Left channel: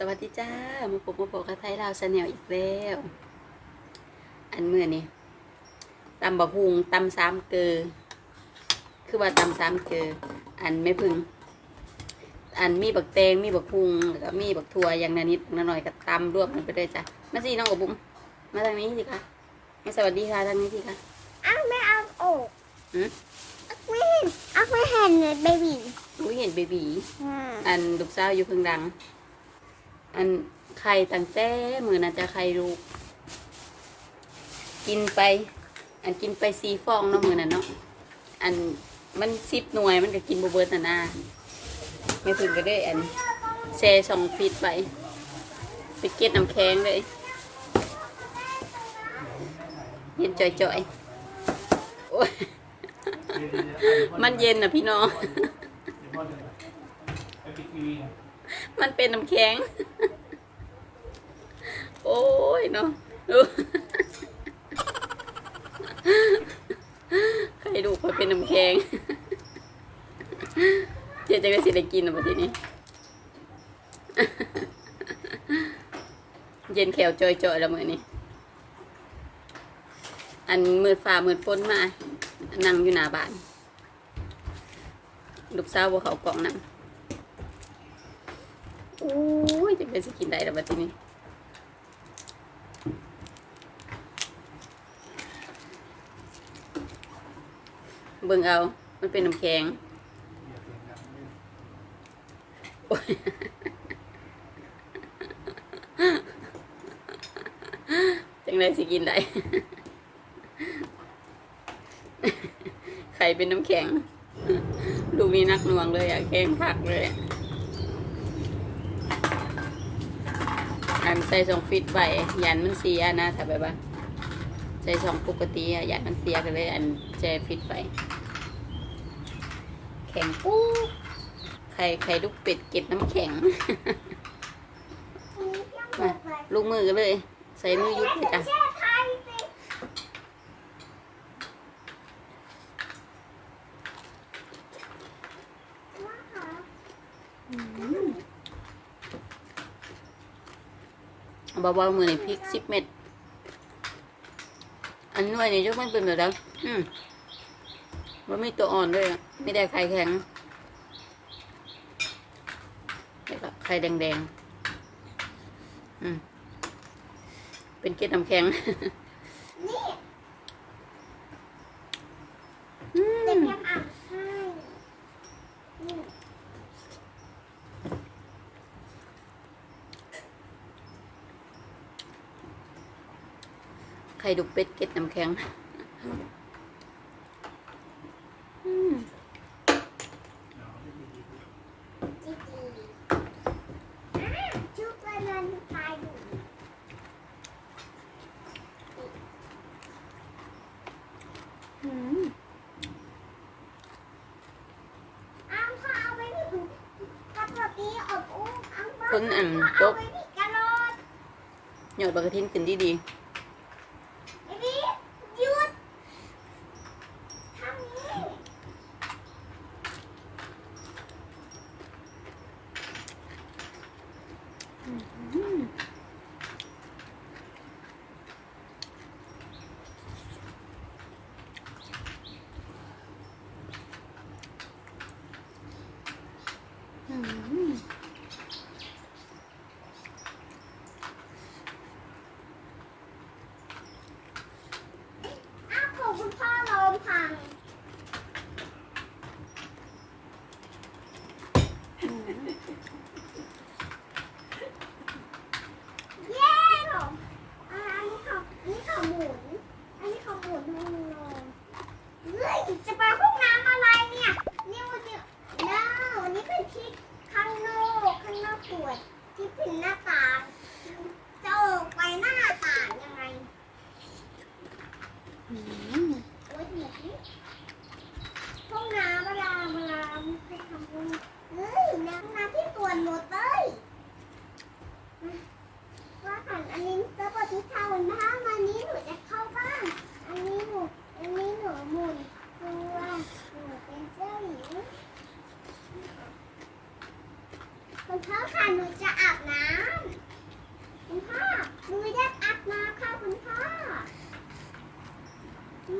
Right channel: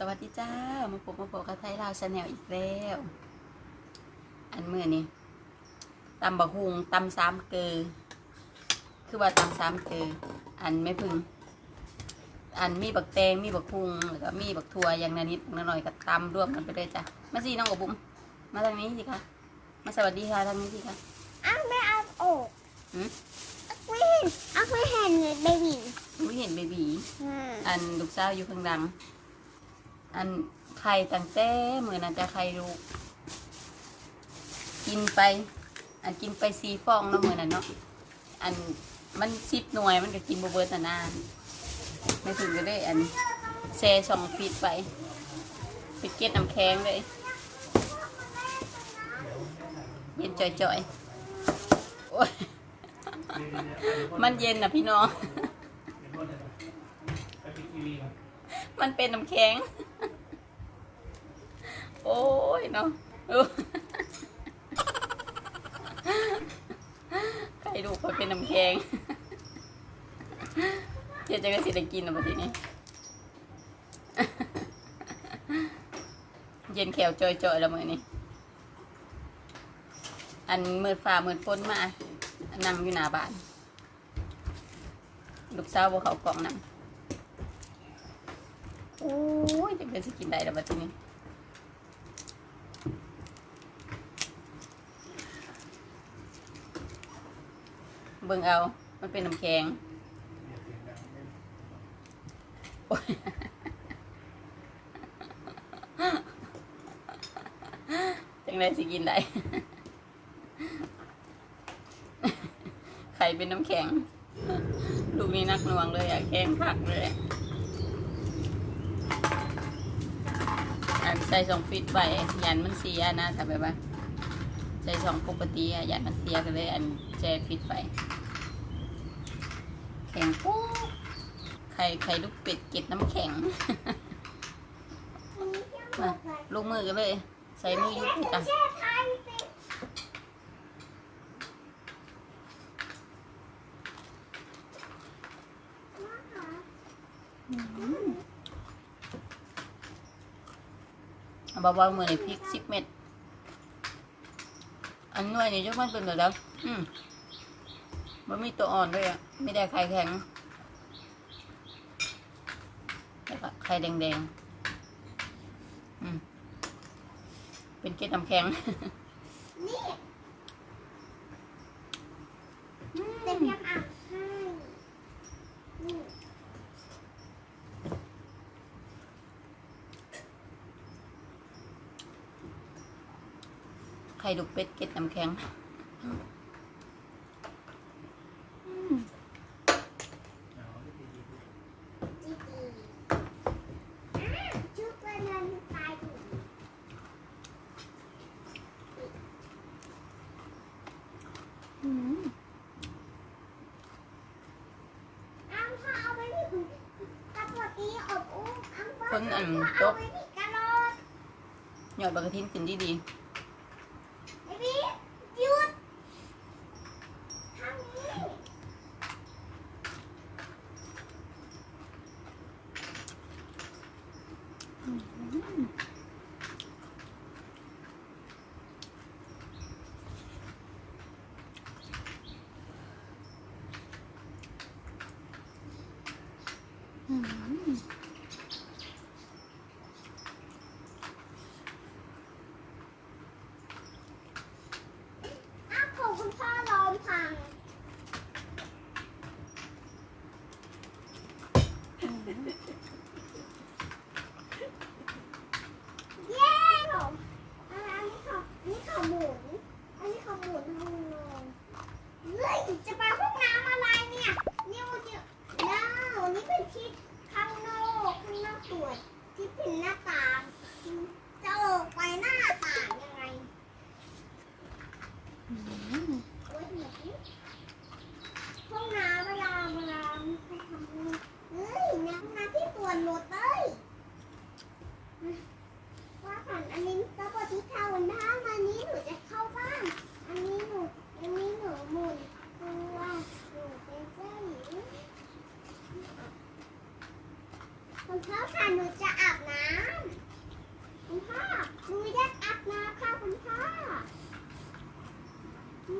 สวัสดีจ้า มาพบมาพบกับไทยลาวชาแนลอีกแล้ว อันเมื่อนี้ตำบักฮุงตำสามเกอคือว่าตำสามเกออันไม่พึง อันมีบักแตงมีบักฮุงแล้วก็มีบักทัวอย่างนานิดนาหน่อยก็ตำรวมกันไปเลยจ้ะมาสิน้องกับบุ๋มมาทางนี้สิคะมาสวัสดีค่ะทางนี้สิคะอ้าวไม่เอาออกหืมไม่เห็นอ้าวไม่เห็นเลยเบบีอุ้ยเห็นเบบีอ่าอันลูกสาวอยู่ข้างดัง อันไข่ตั้งแต่มือน่าจะไข่ลูก กินไป อันกินไปสีฟองเนาะมือน่ะเนาะอันมันสิบหน่วยมันก็กินบเบิร์ตน่ะนาไม่ถึงก็ได้อันแช่สองฟีดไปไปเก็ดน้ำแข็งเลยเย็นจ่อยๆโอ้ยมันเย็นนะพี่น้อง มันเป็นน้ำแข็ง โอ้ยเนาะใครดูเขาเป็นน้ำแข็งเดี๋ยวจะก็สิได้กินอะบัดนี้ เย็นแขวจอยๆแล้วมือนี้อันมืดฟ้ามืดฝนมา นั่งอยู่หน้าบ้าน ลูกสาวบ่เขากล่องนั่ง โอ้ยจะเป็นสกินได้แล้วบัดนี้เบิ่งเอา มันเป็นน้ำแข็งจังไรสิกินได้ ไข่เป็นน้ำแข็ง ดูมีนักหน่วงเลยอะแกงผักเลย อัน ใส่สองฟิตไปยันมันเสียนะถ้าแบบว่าใส่สองปกติอะยันมันเสียกันเลย อันใส่ฟิตไปแข็งปุ๊บไข่ไข่ลูกเป็ดเก็บน้ำแข็งมาลูกมือกันเลย ใส่มือยุบสิจ้ะ แช่ไทยสิ เบาๆมือในพริกสิบเม็ดอันน่วยนี่ยกมันเป็นแบบนั้นอืมมันมีตัวอ่อนด้วยอะไม่ได้ไข่แข็งแล้วก็ไข่แดงๆ อืม เป็นเกล็ดน้ำแข็ง นี่ อื เต็ม ม ยำอ่างให้นี่ ไข่ดุกเป็ดเกล็ดน้ำแข็งอืมจีจีอ่าชุบกันมันตายดูอืมอ้าวพ่อเอาไปนี่ถ้าปกติอบอุ้มอ้าวพ่อคนอันพ่อตเอากไปนี่กระโดดหยอดปลากระทินขึ้นดีเ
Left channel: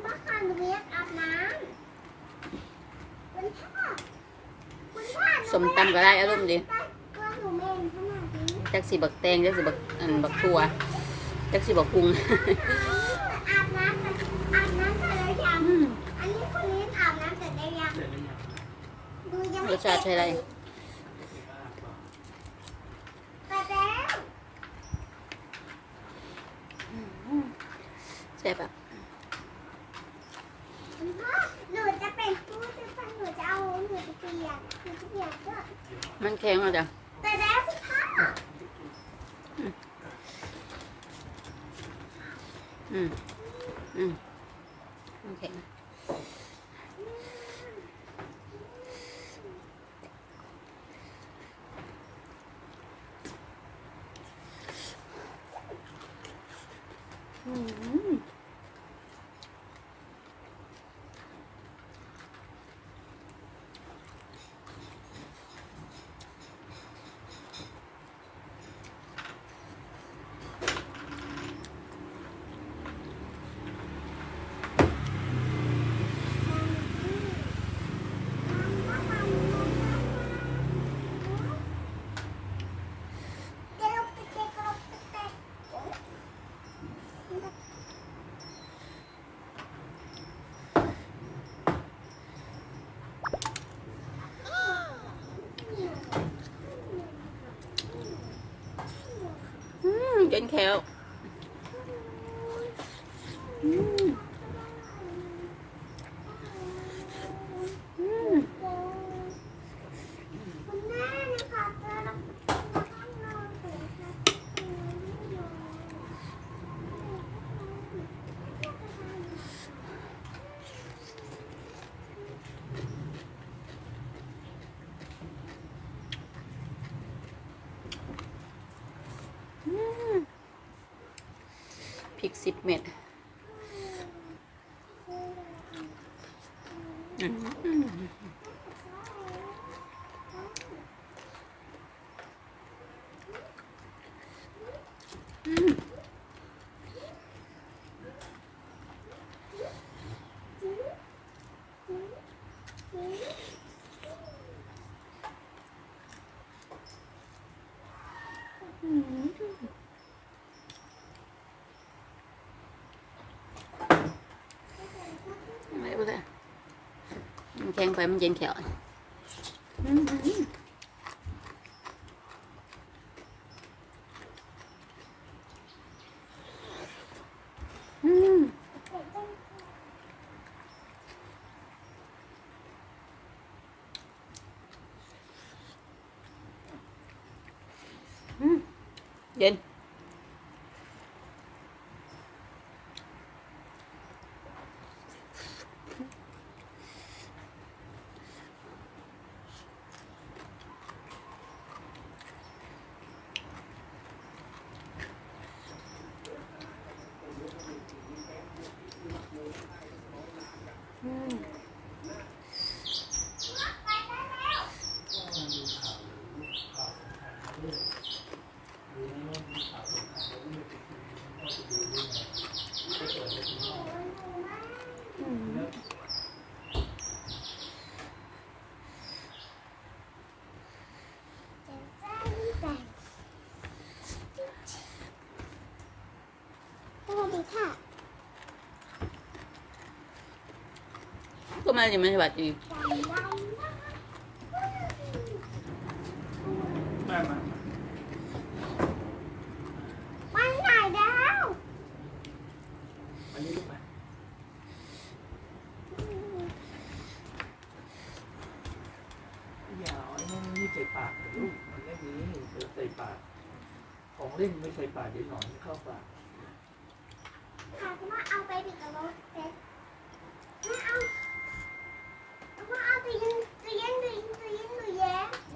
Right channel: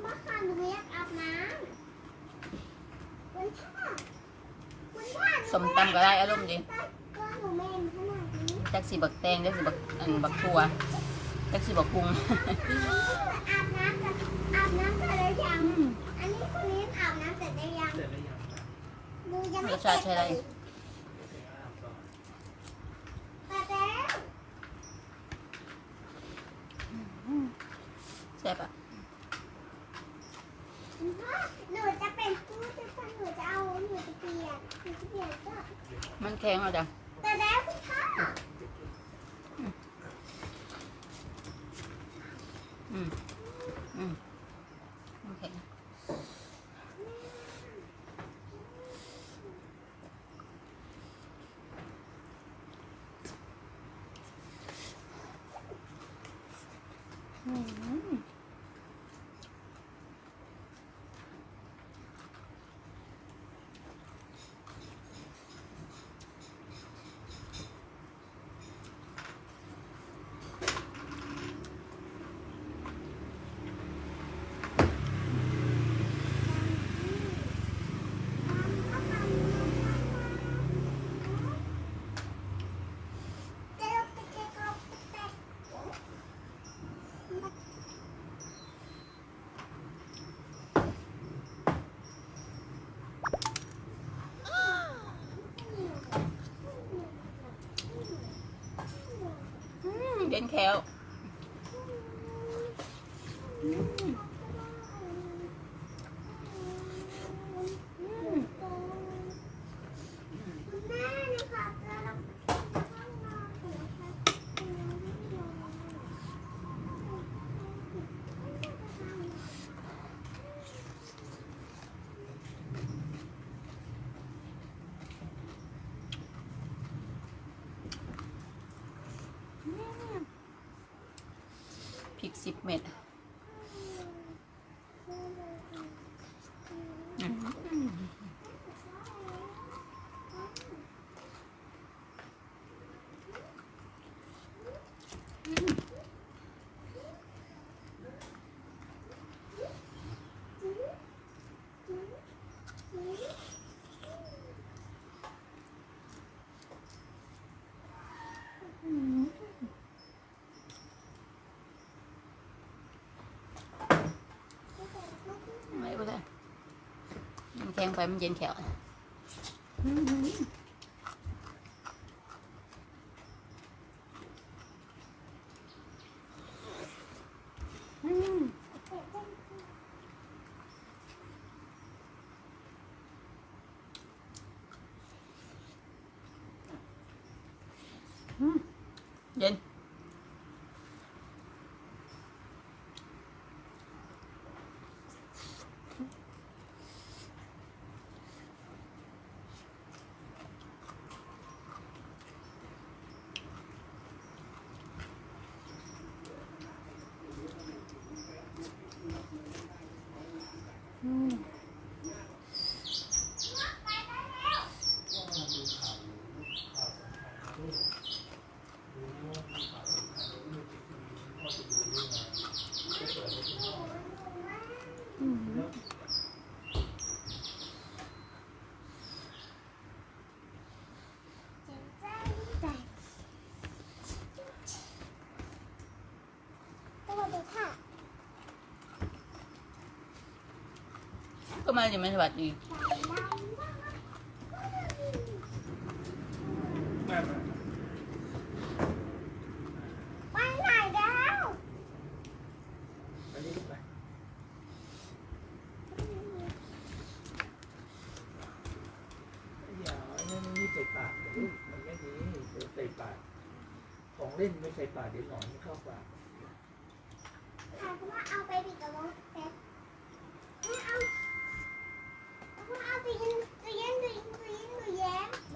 บ้าหนูอยกอาบน้ำสมตำก็ได้อารมณ์ดีจักสีบักแตงจักสีบักอันบักทัวจักสีบักคุ้งอาบน้ำแต่อาบน้ำแต่ไล้ยังอันนี้คนนี้อาบน้ำแต่ได้ยังดูยังไม่เสร็จเลยแซ่บอะ ข็งแล้วจ้ะแต่แล้วสิคะอืมอืมมันแข็งอืม จะลงไปเช็คลงไปเช็ค อืมเย็น แควอืมอืม คุณแม่นะคะจะลงไปข้างนอกเลยค่ะ พริกสิบเม็ด แข็งไปมันเย็นแขวอืมอืมอืมเย็น อืมอืม สวัสดีค่ะ ก็มาจะไม่สวัสดีแม่มาวันไหนแล้วอันนี้ลูกไหมอย่าเอาไอ้นั่นนี่ใส่ปากลูกมันไม่ดีเดี๋ยวใส่ปาก ของเล่นไม่ใส่ปากเดี๋ยวหนอนไม่เข้าปากค่ะคุณว่าเอาไปดิกับรถเซ็ตไม่เอา 妈，阿贝英，杜英杜英杜英杜。